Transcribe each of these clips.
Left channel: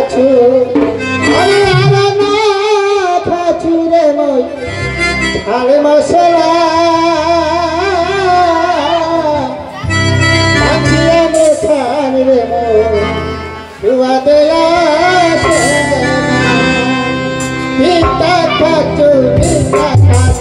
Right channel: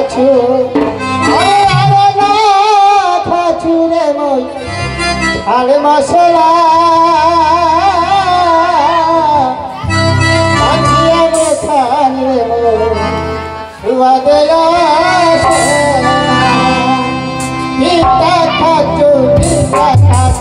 খাছু আরে না খাছু রে মই ঝাল মশলা আছিয়া খান রে মই দুয়া দেয়া পিতা খাছু পিতা খাছ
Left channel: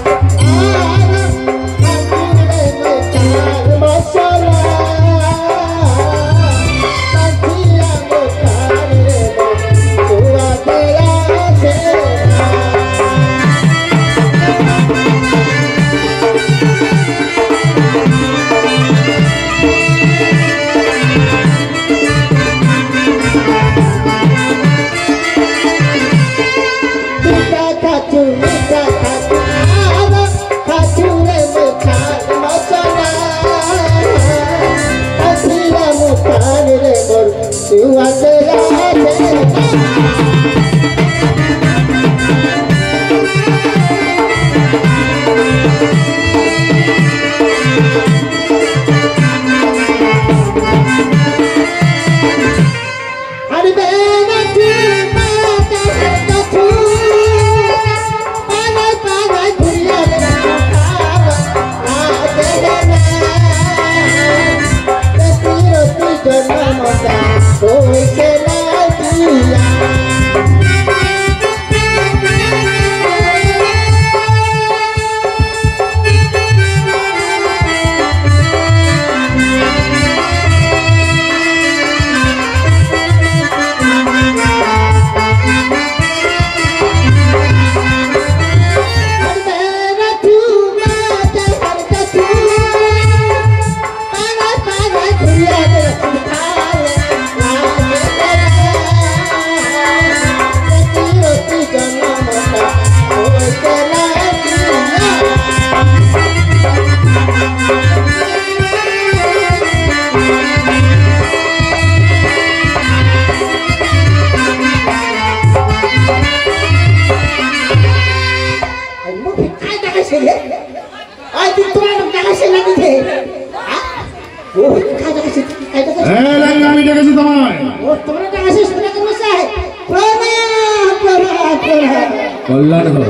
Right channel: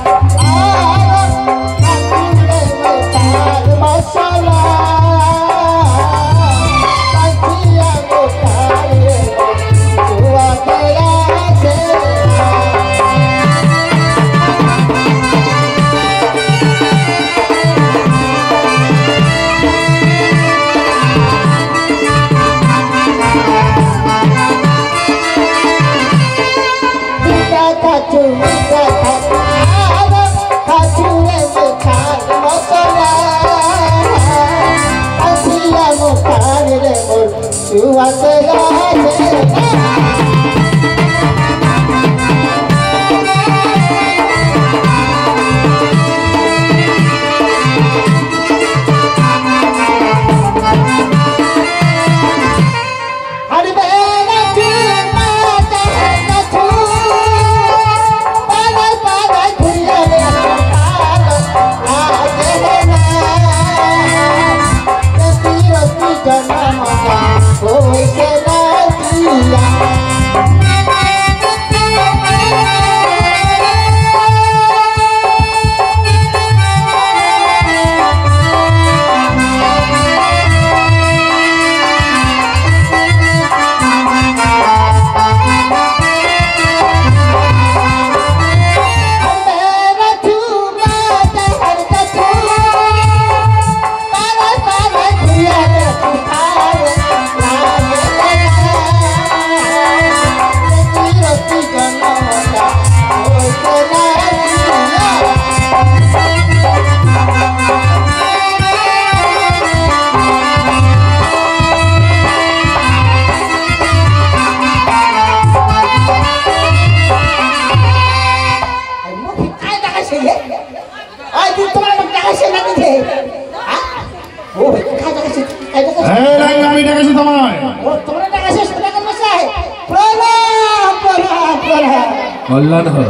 কল্যাণ হল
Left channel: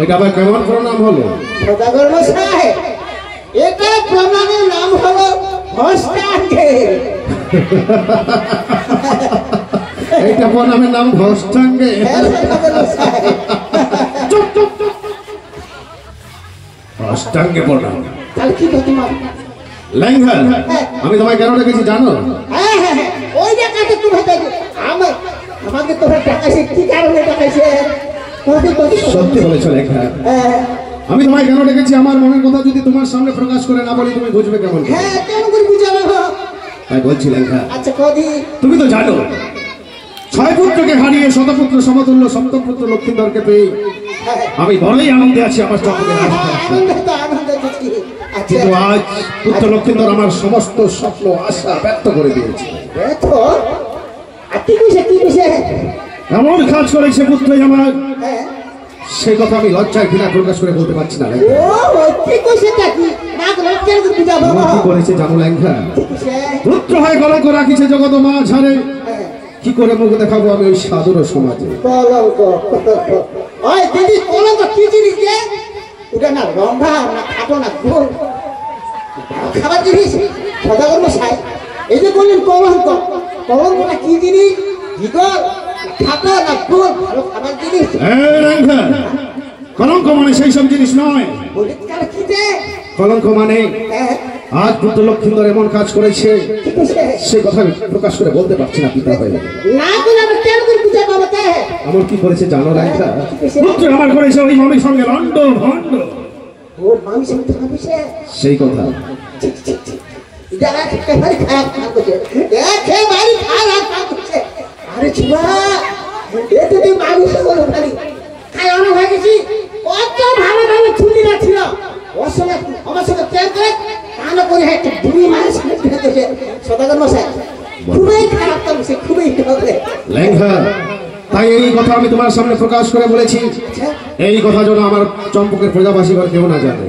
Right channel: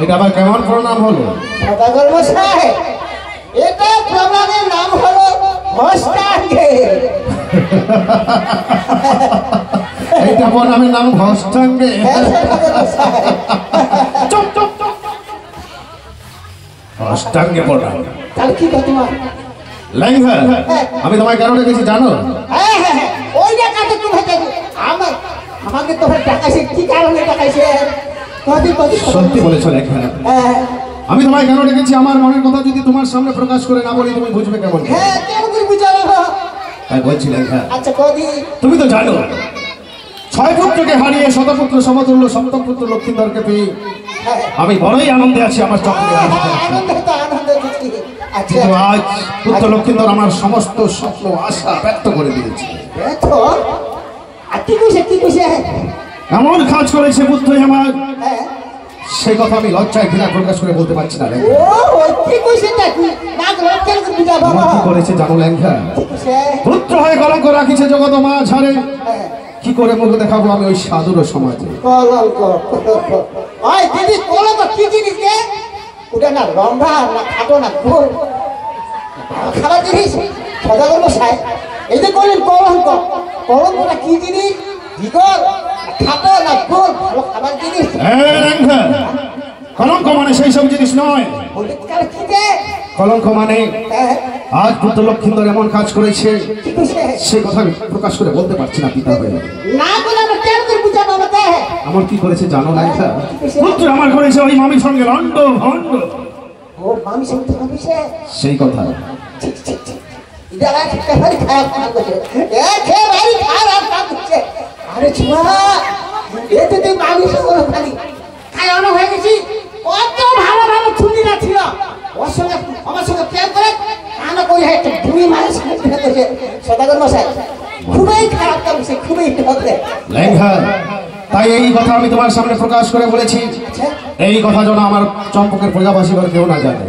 এটা আবার কেমন প্রণাম হলো? সদাগর মশাই এটা প্রণামের নাম হলো হস্তাঙ্গে। এইটা প্রণামের নাম হস্তাঙ্গে। চুপ চুপ চুপ, হস্তাঙ্গে প্রণাম। তাহলে কি তোমার ল্যাংঘা, আমি তোমায় কেন ডেকেছি জানো? ওই ডাকাতে তুমি আমাকে তোমার ডাকাইছে কি কারণে ডাকাইছে? সত্যি বলেছো ল্যাংঘা। আমি তোমায় কেন ডেকেছি আমার মনের কথা যদি তোমার সামনে প্রকাশ করে না বলি তুমি বুঝবে কেমন? হ্যাঁ, কেন করে বুঝাবো? তাই বলছি ল্যাংঘা। আচ্ছা কদি, তুমি তো জানো 6 পুত্রকে হারিয়ে শতপুত্র সমতুল্য সপ্তম পুত্র লক্ষ্মীধরকে পেয়ে আমি বড়ই আনন্দে আছি। আমার কিন্তু আজ পুত্র লক্ষ্মীধর আমার সমস্ত স্বপ্ন আশা ব্যক্ত করে দিয়েছে। এমন কাজ করেছে পুত্র আমার, সেই কথা আমি লজ্জায় ঘৃণা প্রকাশ করে বলতে পারছি না। কি করেছে জানো ল্যাংঘা? পুত্র হয়ে গলা করে রাখিছে জগৎ মা ঝাড়ে। কি করে মুখ দেখাবো আমি ওই সাধুর সমাজে? ওটা না রন্ধা না খাটো না খাবার জিনিস। সদাগর মশাই এই যে বললেন কলঙ্ক, কলঙ্কটা কি জিনিস? খাটো না গোল ভালো খাবার জিনিস? কলঙ্ক মানে সেই সব জিনিস নয়। কলঙ্ক মানে আজ পুত্র লক্ষ্মীধর এমন কাজ করেছে সে কথা প্রকাশ করে বলতে পারছি না পিতা হয়ে। আমার কি করেছে জানো ল্যাংঘা? পুত্র আমার করেছে ওই মামির সঙ্গে লন্ড ভন্ড। সেই কথা আরে ছুয়া এতে তুই মানুষ খাই অনেক হয়ে গেছি। কত ভালো ভালো ছুটি না ছিল ওর সঙ্গে আমার সঙ্গে প্রেম করে কানো করে দুই মাস সদাগর মশাই খুবই খারাপ করছে, খুবই ল্যাংঘা। তাই এই কথা আমি তোমার সামনে প্রকাশ করে বলেছি। এই কথা যেন আমার চম্পকের প্রজাবাসী কেউ না জানে।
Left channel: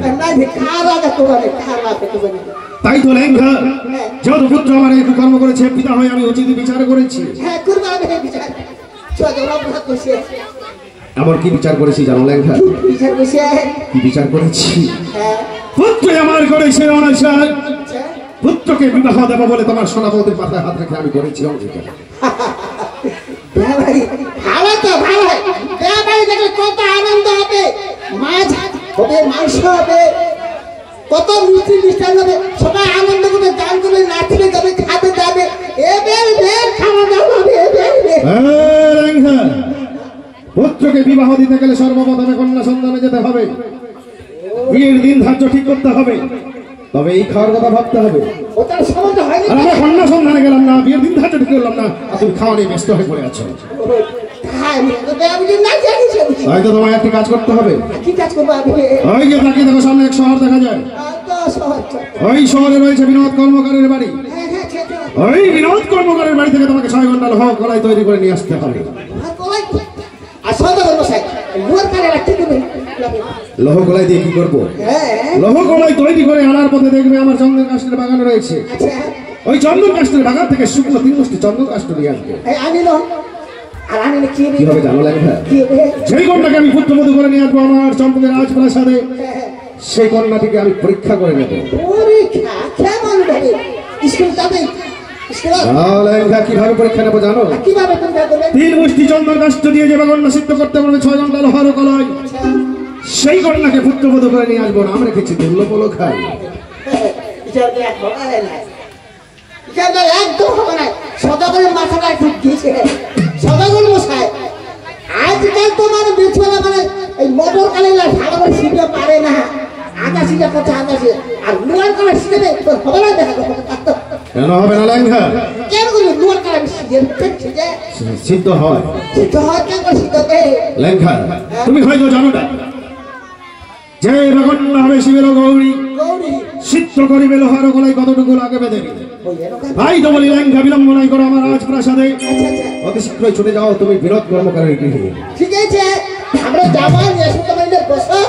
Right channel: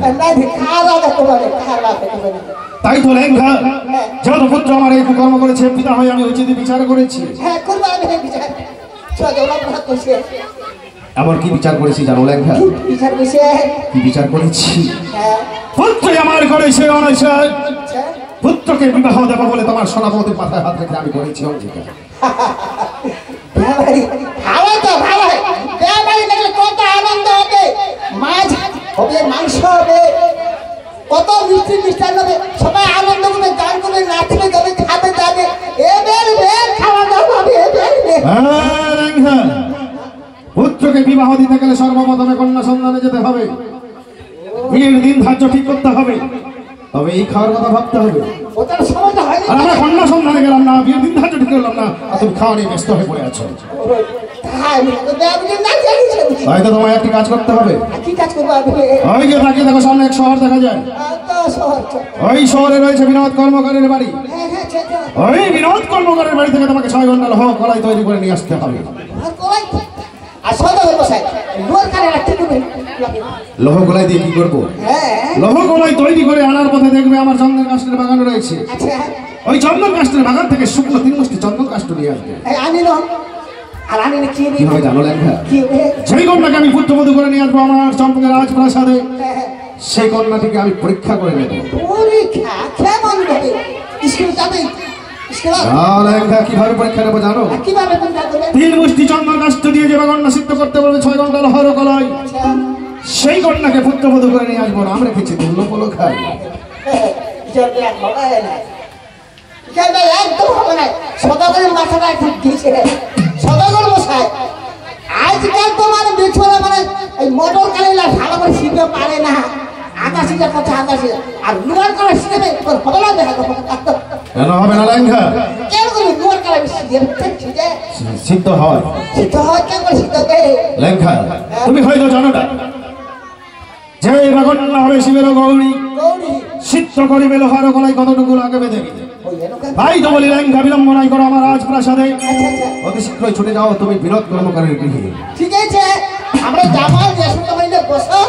তাই তো লেঙ্গা যত পুত্র আমার এই কর্ম করেছে পিতা হয় আমি উচিত বিচার করেছি। হ্যাঁ করবো আমি বিচার। এমন কি বিচার করেছি জানো লেঙ্গা? বিচার বসে কি বিচার করেছি? হ্যাঁ পুত্র আমার ঘরে সে অনশন পুত্রকে বিবাহ দেবো বলে তোমার সোনাবতীর মাথায় হাত রেখে আমি করেছি অঙ্গীকার। ভালো তো ভালো, বিয়ে দেখলে কত আনন্দ হবে, মাছ হবে, মাংস হবে, কত মিষ্টি মিষ্টান হবে, সবাই আনন্দ করবে, গান করবে, নাচবে যাবে, খাবে যাবে, খাওয়া দাওয়া হবে। পুত্রকে বিবাহ দিতে গেলে সর্বপ্রথমে কন্যা সন্ধানে যেতে হবে, বিয়ের দিন ধার্য ঠিক করতে হবে, তবে এই খাওয়ার কথা ভাবতে হবে। আমরা কন্যা সন্ধানে গেলাম না, বিয়ের দিন ধার্য ঠিক করলাম না, আর তুমি খাওয়া নিয়ে ব্যস্ত হয়ে পড়ে আছো। তাই তো তোমায় একটি কাজ করতে হবে। ওই যে তাকিয়ে দেখো সামনে এক শহর দেখা যায়, ওই শহরে রয়েছে বিনোদ কর্মকারের বাড়ি। ওই বিনোদ কর্মকারের বাড়ি থেকে তোমাকে 6 ঘন্টা লোহ কড়াই তৈরি করে নিয়ে আসতে হবে। লোহ কড়াই দিয়ে কি করবো? লোহ কড়াই তৈরি করে আনার পথে দেখবে আমার চন্দন কাষ্ঠের বাগান রয়েছে, ওই চন্দন কাষ্ঠের বাগান থেকে শুকনো 3 বস্তি চন্দন কাষ্ঠ নিয়ে আসবে। কি হবে জানো লেঙ্গা? যেই কন্যাকে আমি পুত্রবধূ করে নিয়ে আসবো আমার চম্পকের রাজপ্রাসাদে, সেই কন্যাটিকে আমি পরীক্ষা করে নেব। কিভাবে পরীক্ষা নেবো জানো? 3 বস্তি চন্দন কাষ্ঠ দিয়ে যে কন্যা সিদ্ধ করতে পারবে 6 ঘন্টা লোহার কলাই, সেই কন্যাকে পুত্রবধূ করে নিয়ে আসবো। নাম রেখেছি দুর্লভ খাই। একদম হবে না, সদাগরের মাথাটা ঠিক দিয়েছে। সদাগর মশাই আজকাল তো মানে বেছলা মানে এই মোটর কালিলা ভালো করে শিখতে পারে না, আধা শিখে কথা আধা শিখে, আর লোয়ার কালা শিখে তোর হবে না। দেখা কেন হবে না লেঙ্গা? কেন করি লোয়ার কালা শিখে সিদ্ধ হয়? সিদ্ধ হয় কেন করে সিদ্ধ দেয় লেঙ্গা? তুমি হয়তো জানো না যে কন্যা হবে শিবের গৌরী, সিদ্ধ করিবে লোহার গলায় কতটুকু লাগাবে দেবে। ভাই তো বলি লেঙ্গা বিলম্ব নাই করো আমার রাজপ্রাসাদে, অতি শীঘ্রই ছুটে যাও তুমি বিনোদ কর্মকারের গৃহে। ঠিক আছে, আমরা যাবো বসো,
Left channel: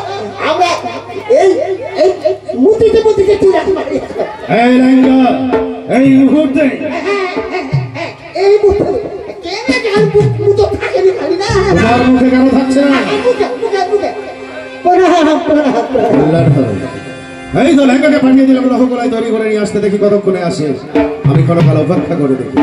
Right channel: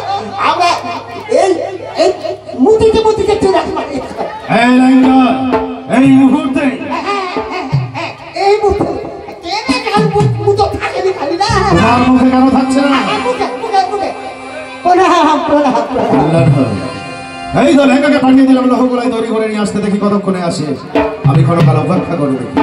আমরা এই এই মুতিতে মুতিতে এই লেঙ্গা এই মুহূর্তে এই মুহূর্তে থাকেনি খালি না, তোমার মুখে কেন থাকছে না? এই তো লেঙ্গাকে পাঠিয়ে দিলাম লোহ কড়াই তৈরি করে নিয়ে আসতে, দেখি কতক্ষণে আসে। আমি কোনো কাল অপেক্ষা করে দেখি।